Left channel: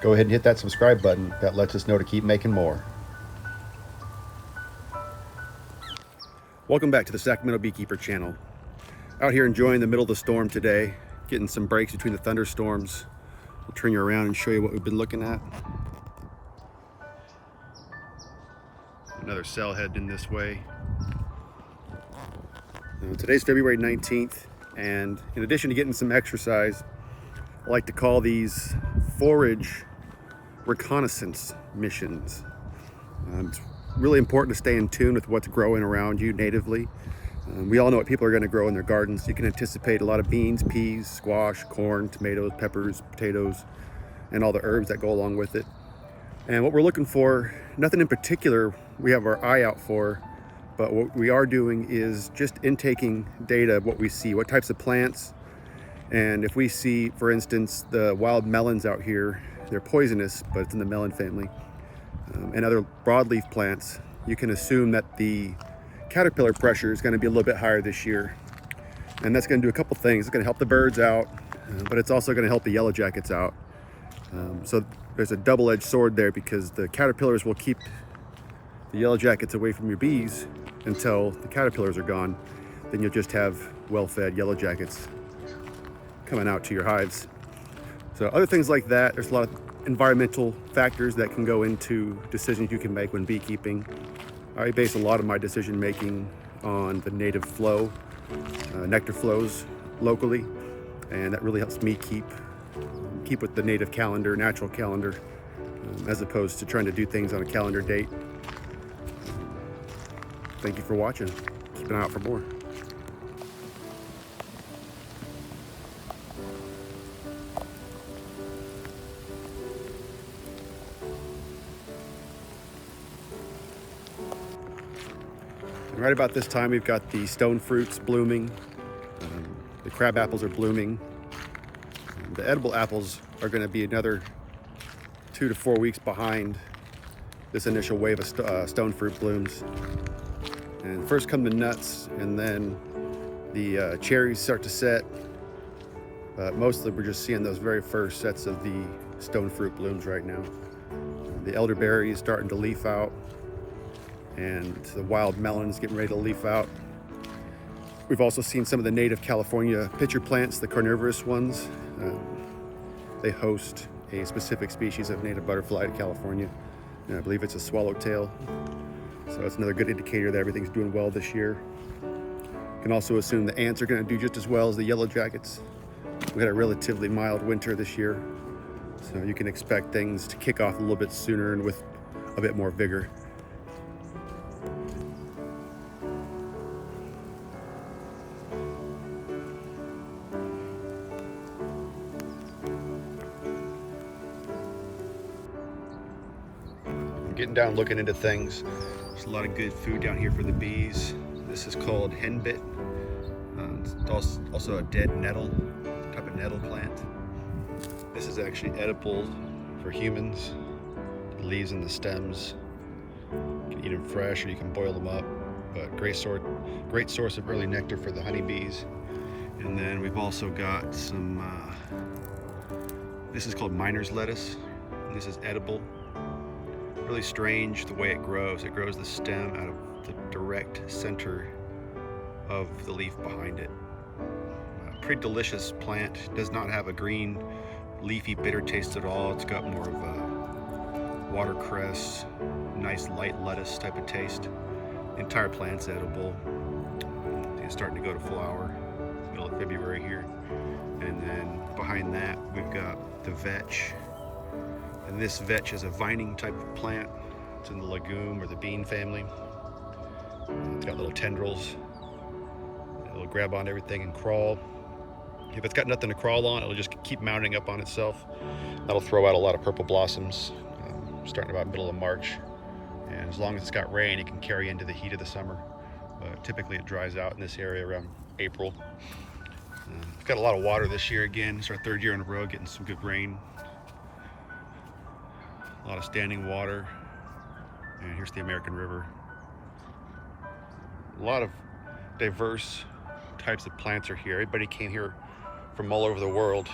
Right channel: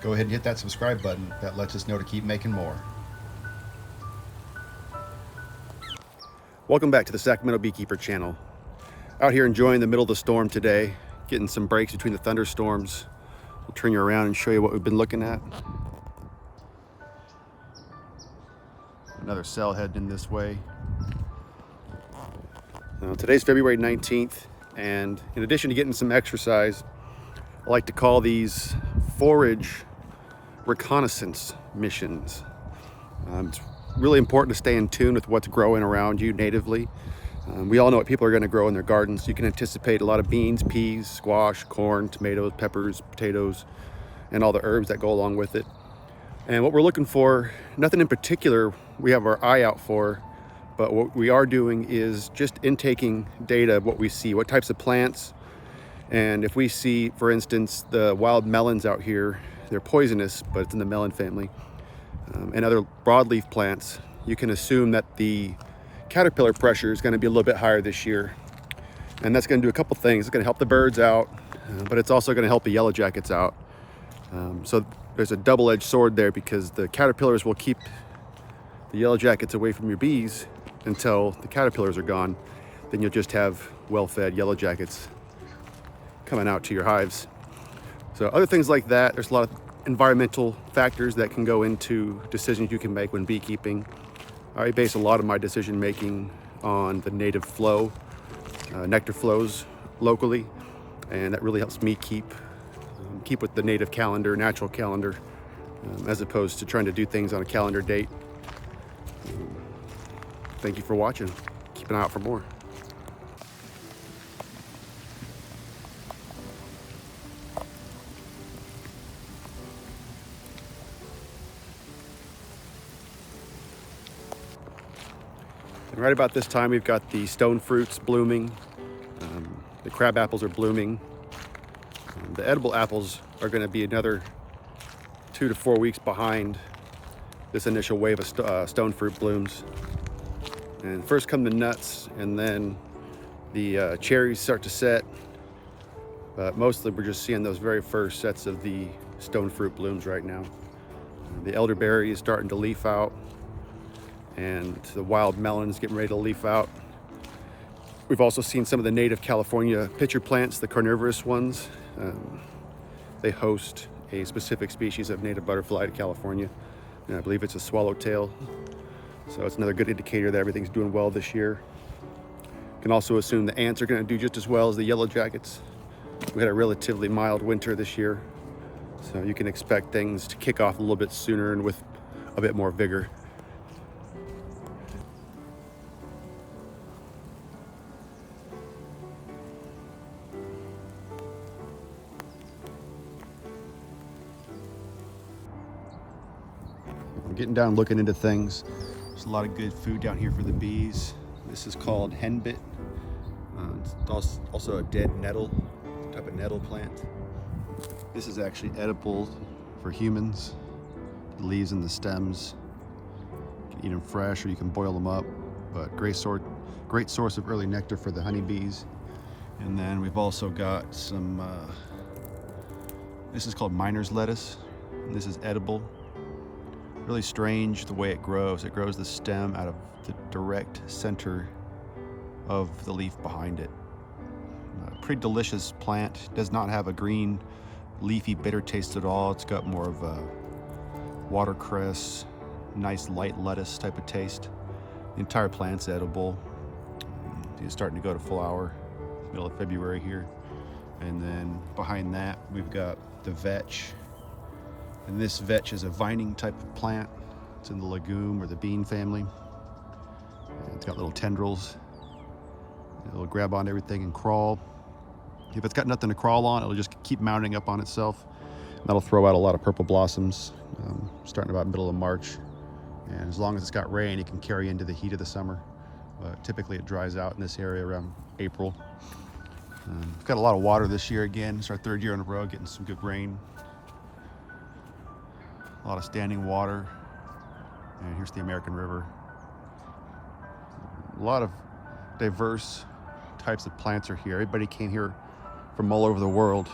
go ahead and hit that subscribe button. That lets us know to keep making more. Welcome back to the Sacramento Beekeeper channel. Out here enjoying the middle of the storm today, getting some breaks between the thunderstorms. We'll turn you around and show you what we've been looking at. Another cell heading this way. Today's February 19th, and in addition to getting some exercise, I like to call these forage reconnaissance missions. It's really important to stay in tune with what's growing around you natively. We all know what people are going to grow in their gardens. You can anticipate a lot of beans, peas, squash, corn, tomatoes, peppers, potatoes, and all the herbs that go along with it. And what we're looking for, nothing in particular we have our eye out for, but what we are doing is just intaking data of what we see, what types of plants. And if we see, for instance, the wild melons out here, they're poisonous, but it's in the melon family, and other broadleaf plants, you can assume that the caterpillar pressure is going to be a little bit higher this year. And that's going to do a couple things. It's going to help the birds out, but it's also going to help the yellow jackets out. So there's a double-edged sword there, because the caterpillars will keep the yellow jackets away from your bees until the caterpillars are gone. Then you'll just have well-fed yellow jackets coming out to your hives. So other things like that, there's a lot of environmental factors that can go into decisions you can make when beekeeping. I base a lot of my decision making on the native flow, nectar flows locally, and that really helps me keep with the native calendar, natural calendar, as opposed to trying to do things on a calendar date. Thank you for watching. Keep an eye out for more. And right about this time, we've got the stone fruits blooming. The crab apples are blooming. The edible apples are going to be another 2 to 4 weeks behind this initial wave of stone fruit blooms. And first come the nuts, and then the cherries start to set. But mostly we're just seeing those very first sets of the stone fruit blooms right now. The elderberry is starting to leaf out, and the wild melons getting ready to leaf out. We've also seen some of the native California pitcher plants, the carnivorous ones. They host a specific species of native butterfly to California, and I believe it's a swallowtail. So it's another good indicator that everything's doing well this year. You can also assume the ants are going to do just as well as the yellow jackets. We had a relatively mild winter this year, so you can expect things to kick off a little bit sooner and with a bit more vigor. Getting down, looking into things. There's a lot of good food down here for the bees. This is called henbit. It's also a dead nettle, type of nettle plant. This is actually edible for humans. The leaves and the stems. You can eat them fresh, or you can boil them up. But great source of early nectar for the honeybees. And then we've also got some. This is called miner's lettuce. And this is edible. Really strange the way it grows. It grows the stem out of the direct center of the leaf behind it. Pretty delicious plant. Does not have a green, leafy, bitter taste at all. It's got more of a watercress, nice light lettuce type of taste. The entire plant's edible. It's starting to go to flower. It's middle of February here. And then behind that, we've got the vetch. And this vetch is a vining type of plant. It's in the legume or the bean family. It's got little tendrils. It'll grab on everything and crawl. If it's got nothing to crawl on, it'll just keep mounting up on itself. That'll throw out a lot of purple blossoms, starting about middle of March. And as long as it's got rain, it can carry into the heat of the summer. But typically it dries out in this area around April. We've got a lot of water this year again. It's our 3rd year in a row getting some good rain. A lot of standing water. And here's the American River. A lot of diverse types of plants are here. Everybody came here from all over the world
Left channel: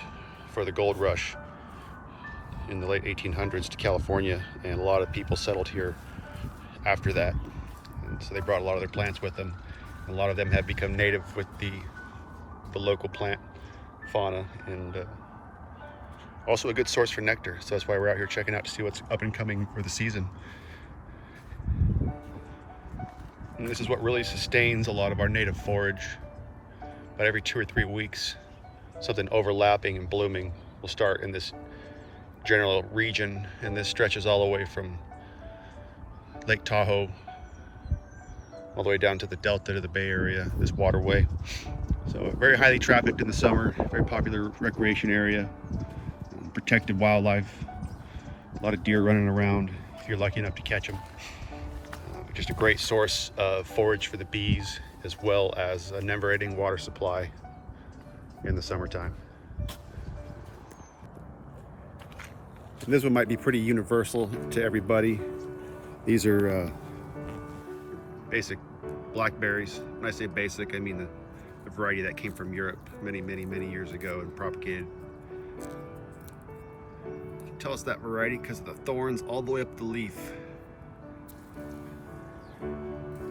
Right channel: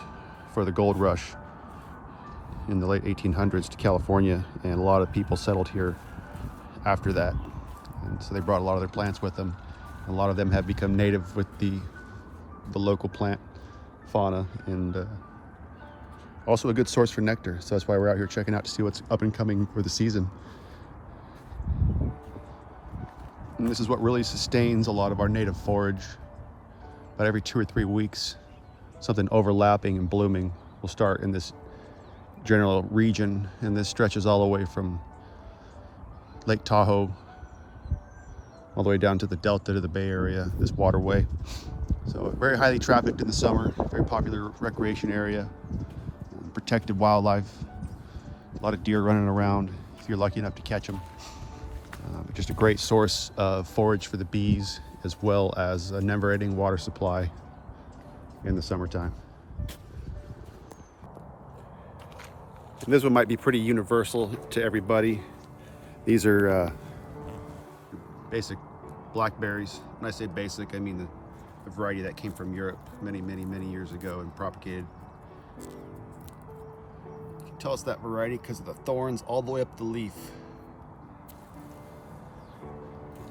for the gold rush. in the late 1800s to California, and a lot of people settled here after that. And so they brought a lot of their plants with them. A lot of them have become native with the local plant fauna, and also a good source for nectar. So that's why we're out here checking out to see what's up and coming for the season. And this is what really sustains a lot of our native forage. About every 2 or 3 weeks, something overlapping and blooming will start in this general region, and this stretches all the way from Lake Tahoe all the way down to the Delta, to the Bay Area, this waterway. So very highly trafficked in the summer, very popular recreation area, protected wildlife, a lot of deer running around if you're lucky enough to catch them. Just a great source of forage for the bees, as well as a never-ending water supply in the summertime. And this one might be pretty universal to everybody. These are basic blackberries. When I say basic, I mean the variety that came from Europe many years ago and propagated. You can tell it's that variety because of the thorns all the way up the leaf.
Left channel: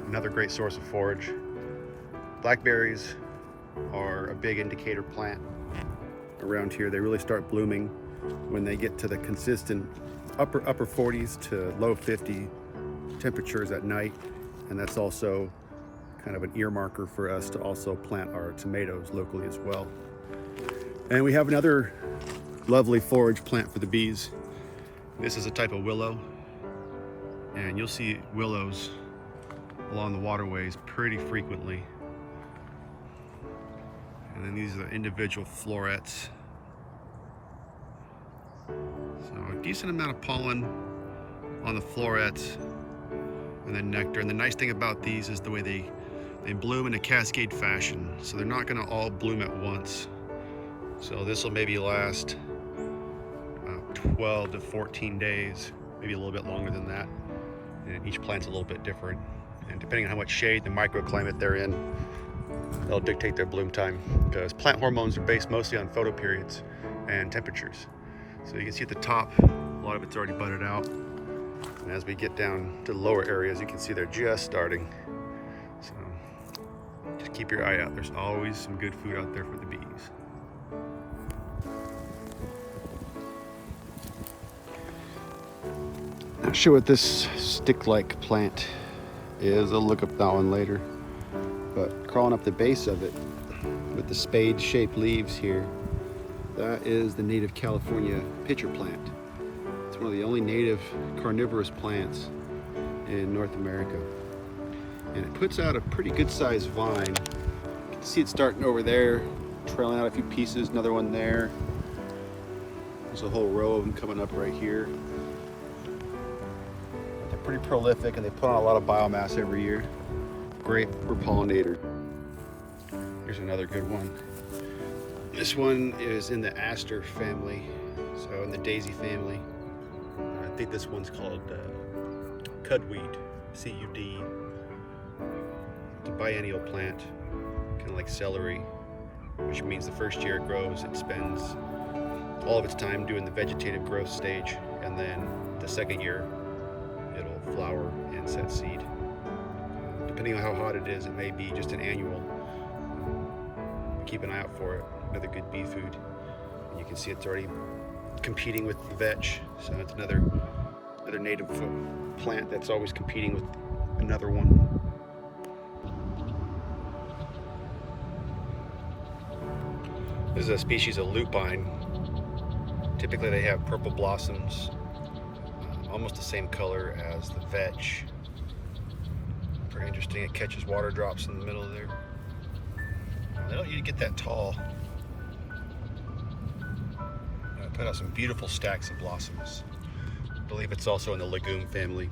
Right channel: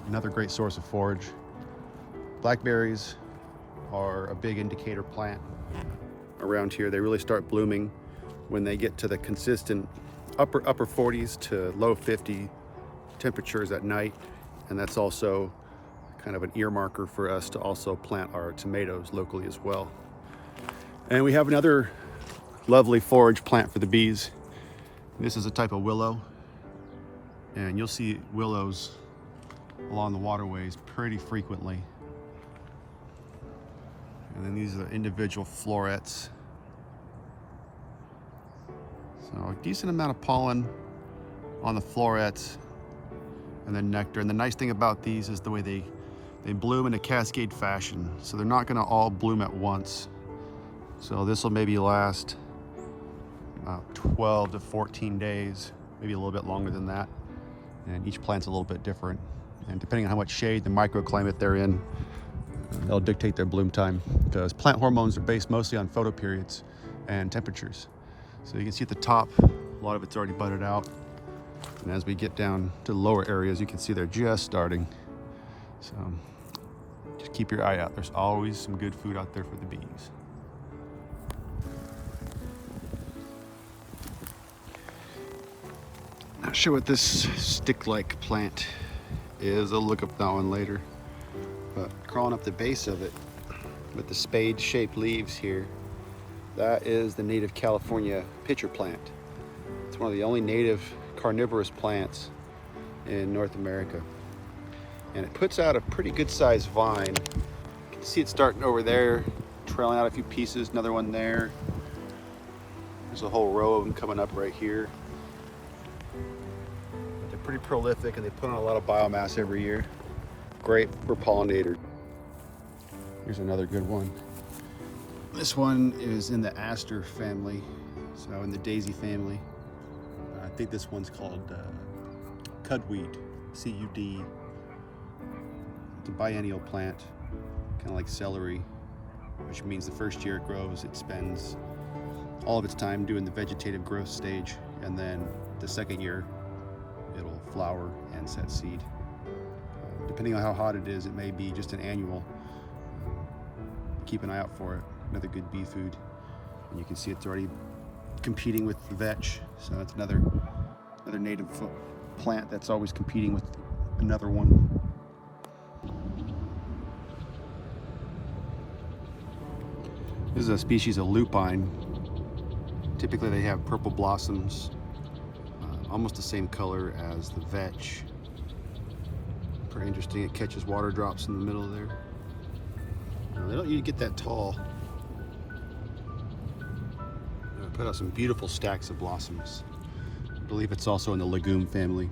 Another great source of forage. Blackberries are a big indicator plant around here. They really start blooming when they get to the consistent upper 40s to low 50 temperatures at night, and that's also kind of an earmarker for us to also plant our tomatoes locally as well. And we have another lovely forage plant for the bees. This is a type of willow, and you'll see willows along the waterways pretty frequently. And then these are the individual florets. So a decent amount of pollen on the florets, and then nectar. And the nice thing about these is the way they bloom in a cascade fashion. So they're not gonna all bloom at once. So this will maybe last 12 to 14 days, maybe a little bit longer than that. And each plant's a little bit different. And depending on how much shade, the microclimate they're in, it'll dictate their bloom time, because plant hormones are based mostly on photoperiods and temperatures. So you can see at the top, a lot of it's already budded out. And as we get down to the lower areas, you can see they're just starting. So just keep your eye out. There's always some good food out there for the bees. I'll show what this stick-like plant is. I'll look up that one later. But crawling up the base of it with the spade-shaped leaves here, that is the native California pitcher plant. It's one of the only native carnivorous plants in North America. And it puts out a pretty good sized vine. You can see it starting over there, trailing out a few pieces, another one there. There's a whole row of them coming up right here. They're pretty prolific, and they put on a lot of biomass every year. Great for pollinator. Here's another good one. This one is in the aster family, so in the daisy family. I think this one's called cudweed, C-U-D. It's a biennial plant, kind of like celery, which means the first year it grows, it spends all of its time doing the vegetative growth stage, and then the second year it'll flower and set seed. Depending on how hot it is, it may be just an annual. Keep an eye out for it. Another good bee food. And you can see it's already competing with the vetch, so it's another native plant that's always competing with another one. This is a species of lupine. Typically they have purple blossoms, almost the same color as the vetch. Pretty interesting. It catches water drops in the middle of there. They don't need to get that tall. Put out some beautiful stacks of blossoms. I believe it's also in the legume family,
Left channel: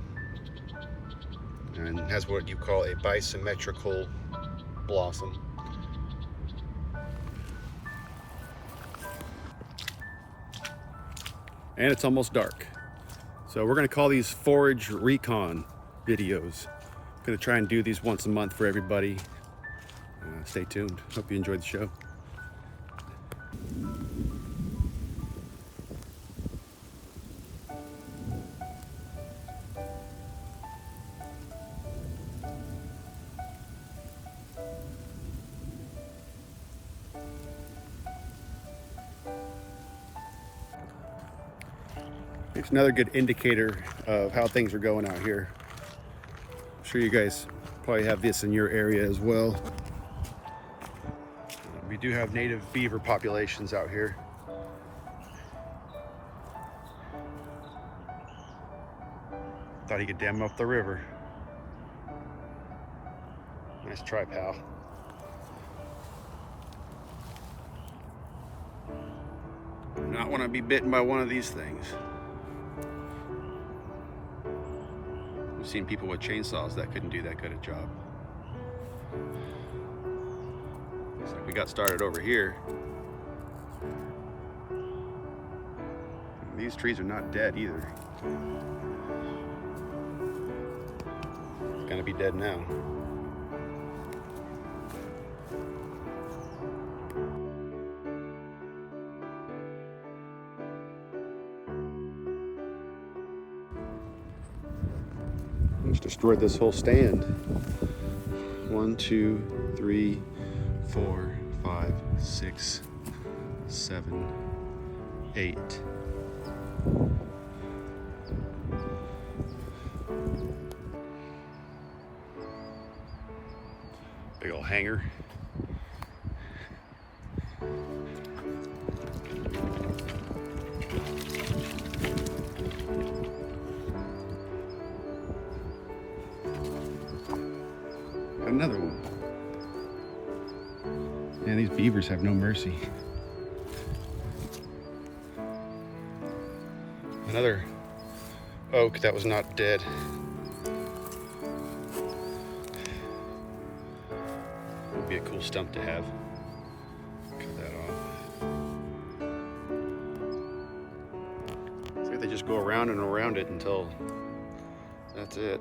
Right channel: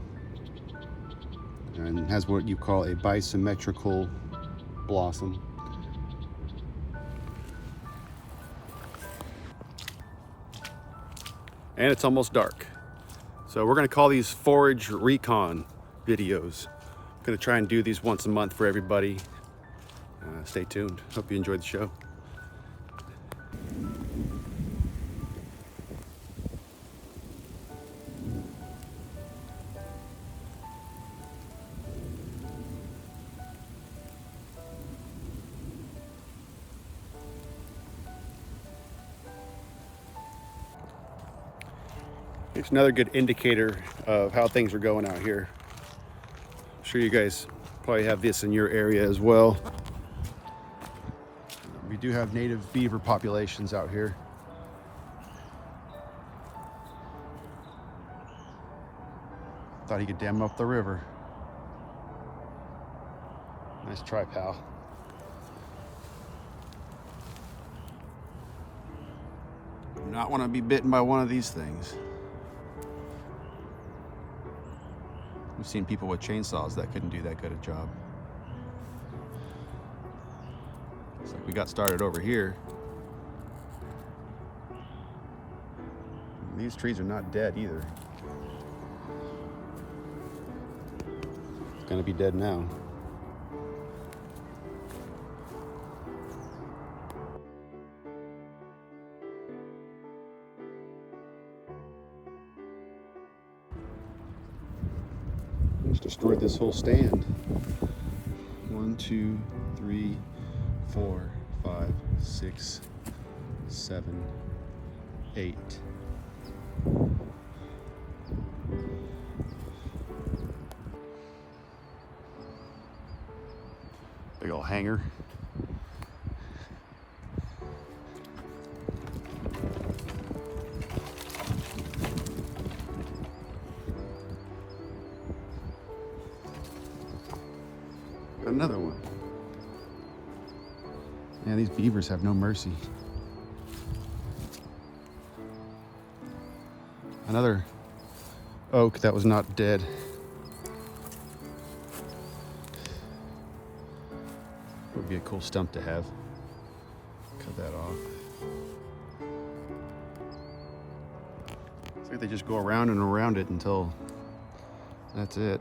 and has what you call a bisymmetrical blossom. And it's almost dark. So we're gonna call these Forage Recon videos. I'm gonna try and do these once a month for everybody. Stay tuned. Hope you enjoyed the show. Here's another good indicator of how things are going out here. I'm sure you guys probably have this in your area as well. We do have native beaver populations out here. Thought he could dam up the river. Nice try, pal. Do not want to be bitten by one of these things. I've seen people with chainsaws that couldn't do that good a job. So we got started over here. These trees are not dead either. It's gonna be dead now. Just destroyed this whole stand. 1, 2, 3, 4, 5, 6, 7, 8. Big old hanger. Another one. Yeah, these beavers have no mercy. Another oak that was not dead. Would be a cool stump to have. Cut that off. See if they just go around and around it until that's it.